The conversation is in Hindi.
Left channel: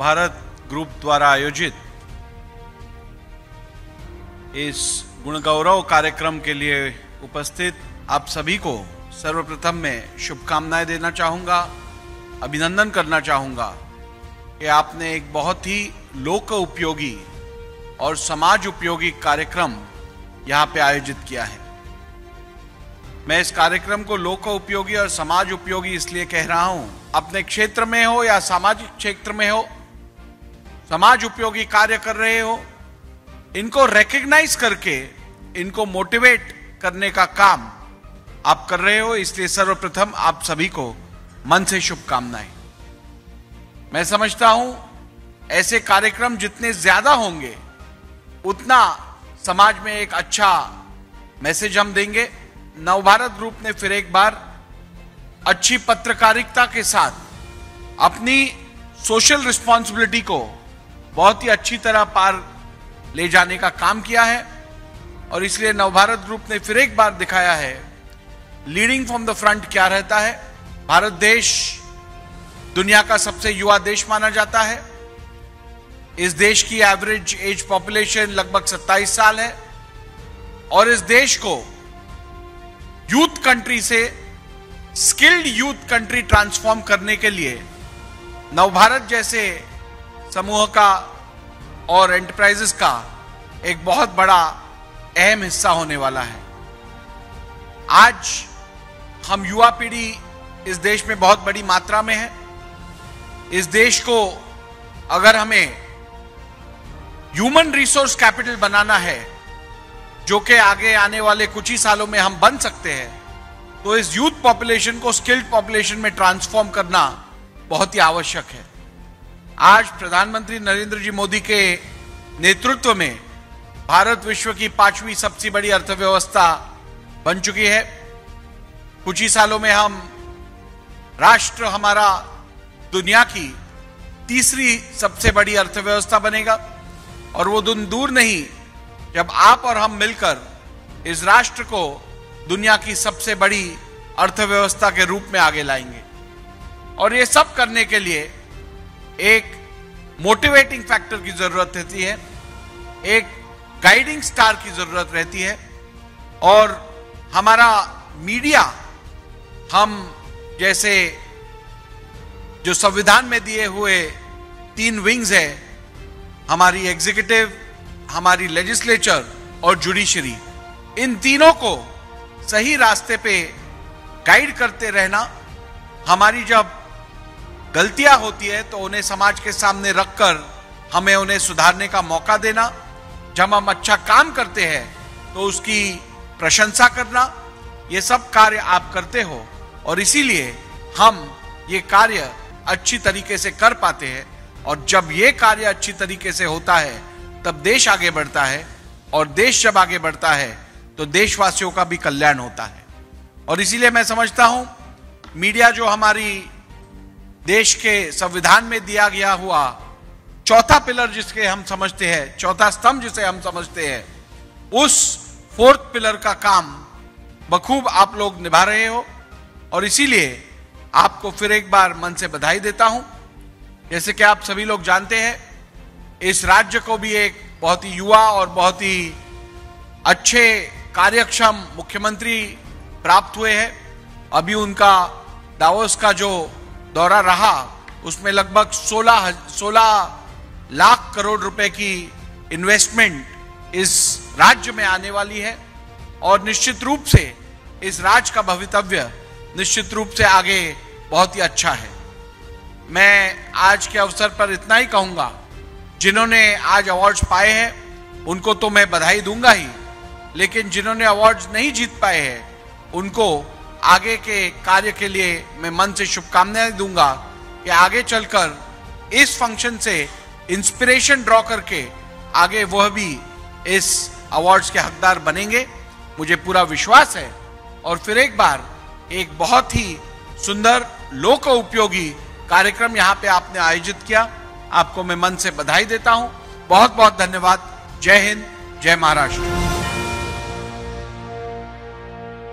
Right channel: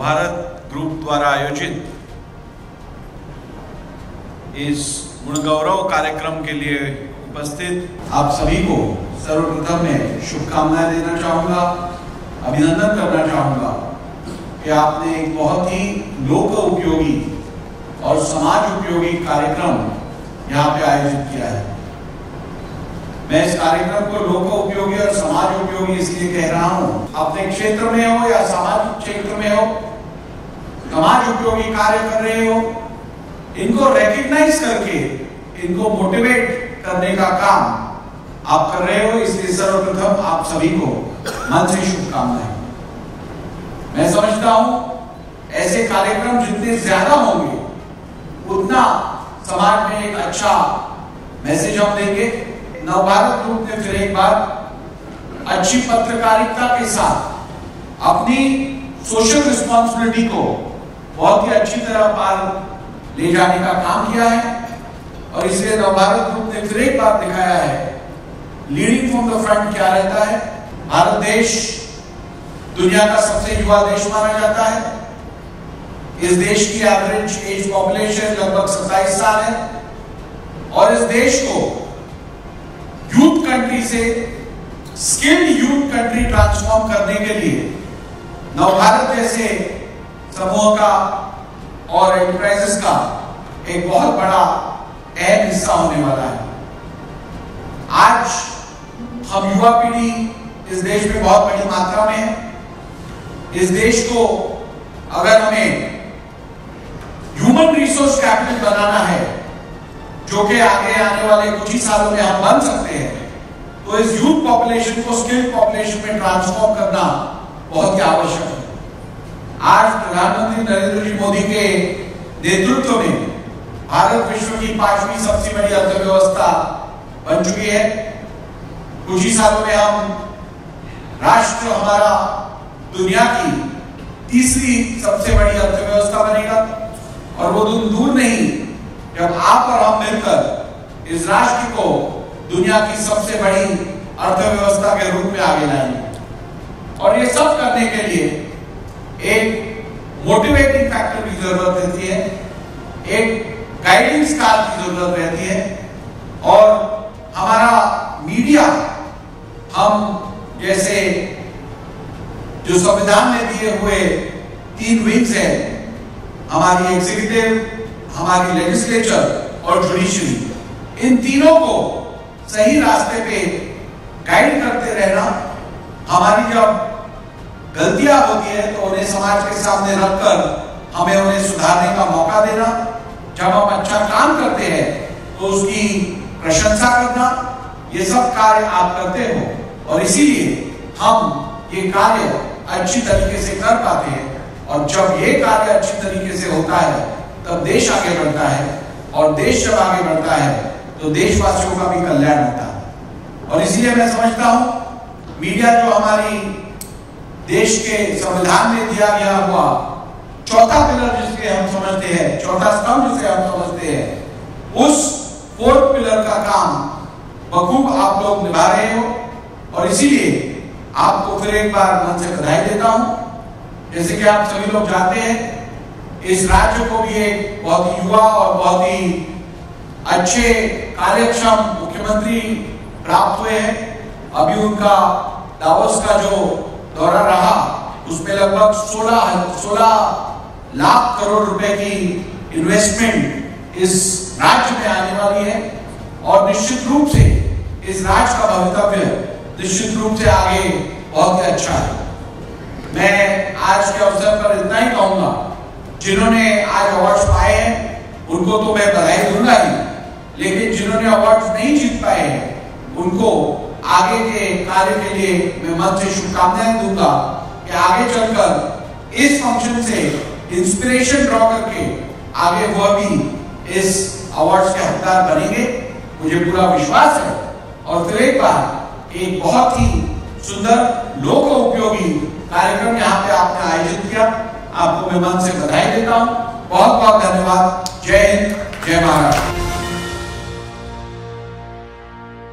नवभारत ग्रुप द्वारा आयोजित इस गुणगौरव कार्यक्रम के लिए उपस्थित आप सभी को सर्वप्रथम मैं शुभकामनाएं देना चाहूँगा, अभिनंदन करना चाहूँगा कि आपने एक बहुत ही लोक उपयोगी और समाज उपयोगी कार्यक्रम यहाँ पे आयोजित किया है। मैं इस कार्यक्रम को लोक उपयोगी और समाज उपयोगी इसलिए कह रहा हूँ, अपने क्षेत्र में हो या सामाजिक क्षेत्र में हो, समाज उपयोगी कार्य कर रहे हो, इनको रिकॉग्नाइज करके इनको मोटिवेट करने का काम आप कर रहे हो, इसलिए सर्वप्रथम आप सभी को मन से शुभकामनाएं। मैं समझता हूं ऐसे कार्यक्रम जितने ज्यादा होंगे उतना समाज में एक अच्छा मैसेज हम देंगे। नवभारत ग्रुप ने फिर एक बार अच्छी पत्रकारिता के साथ अपनी सोशल रिस्पॉन्सिबिलिटी को बहुत ही अच्छी तरह पार ले जाने का काम किया है और इसलिए नवभारत ग्रुप ने फिर एक बार दिखाया है लीडिंग फ्रॉम द फ्रंट क्या रहता है। भारत देश दुनिया का सबसे युवा देश माना जाता है। इस देश की एवरेज एज पॉपुलेशन लगभग 27 साल है और इस देश को यूथ कंट्री से स्किल्ड यूथ कंट्री ट्रांसफॉर्म करने के लिए नवभारत जैसे समूह का और एंटरप्राइजेस का एक बहुत बड़ा अहम हिस्सा होने वाला है। आज हम युवा पीढ़ी इस देश में बहुत बड़ी मात्रा में है। इस देश को अगर हमें ह्यूमन रिसोर्स कैपिटल बनाना है, जो कि आगे आने वाले कुछ ही सालों में हम बन सकते हैं, तो इस यूथ पॉपुलेशन को स्किल्ड पॉपुलेशन में ट्रांसफॉर्म करना बहुत ही आवश्यक है। आज प्रधानमंत्री नरेंद्र जी मोदी के नेतृत्व में भारत विश्व की 5वीं सबसे बड़ी अर्थव्यवस्था बन चुकी है। कुछ ही सालों में राष्ट्र हमारा दुनिया की तीसरी सबसे बड़ी अर्थव्यवस्था बनेगा और वो दिन दूर नहीं जब आप और हम मिलकर इस राष्ट्र को दुनिया की सबसे बड़ी अर्थव्यवस्था के रूप में आगे लाएंगे। और ये सब करने के लिए एक मोटिवेटिंग फैक्टर की जरूरत रहती है, एक गाइडिंग स्टार की जरूरत रहती है और हमारा मीडिया, हम जैसे जो संविधान में दिए हुए 3 विंग्स हैं, हमारी एग्जीक्यूटिव, हमारी लेजिस्लेचर और जुडिशरी, इन तीनों को सही रास्ते पे गाइड करते रहना, हमारी जब गलतियां होती है तो उन्हें समाज के सामने रखकर हमें उन्हें सुधारने का मौका देना, जब हम अच्छा काम करते हैं तो उसकी प्रशंसा करना, ये सब कार्य आप करते हो और इसीलिए हम ये कार्य अच्छी तरीके से कर पाते हैं। और जब ये कार्य अच्छी तरीके से होता है तब देश आगे बढ़ता है और देश जब आगे बढ़ता है तो देशवासियों का भी कल्याण होता है। और इसीलिए मैं समझता हूं मीडिया जो हमारी देश के संविधान में दिया गया हुआ चौथा पिलर जिसके हम समझते हैं, चौथा स्तंभ जिसे हम समझते हैं, उस 4th पिलर का काम बखूब आप लोग निभा रहे हो और इसीलिए आपको फिर एक बार मन से बधाई देता हूं। जैसे कि आप सभी लोग जानते हैं, इस राज्य को भी एक बहुत ही युवा और बहुत ही अच्छे कार्यक्षम मुख्यमंत्री प्राप्त हुए हैं। अभी उनका दावोस का जो दौरा रहा उसमें लगभग 16 लाख करोड़ रुपए की इन्वेस्टमेंट इस राज्य में आने वाली है और निश्चित रूप से इस राज्य का भवितव्य निश्चित रूप से आगे बहुत ही अच्छा है। मैं आज के अवसर पर इतना ही कहूंगा, जिन्होंने आज अवार्ड्स पाए हैं उनको तो मैं बधाई दूंगा ही, लेकिन जिन्होंने अवार्ड्स नहीं जीत पाए हैं उनको आगे के कार्य के लिए मैं मन से शुभकामनाएं दूंगा कि आगे चलकर इस फंक्शन से इंस्पिरेशन ड्रॉ करके आगे वह भी इस अवार्ड्स के हकदार बनेंगे, मुझे पूरा विश्वास है। और फिर एक बार एक बहुत ही सुंदर लोक उपयोगी कार्यक्रम यहाँ पे आपने आयोजित किया, आपको मैं मन से बधाई देता हूँ। बहुत बहुत धन्यवाद। जय हिंद, जय महाराष्ट्र।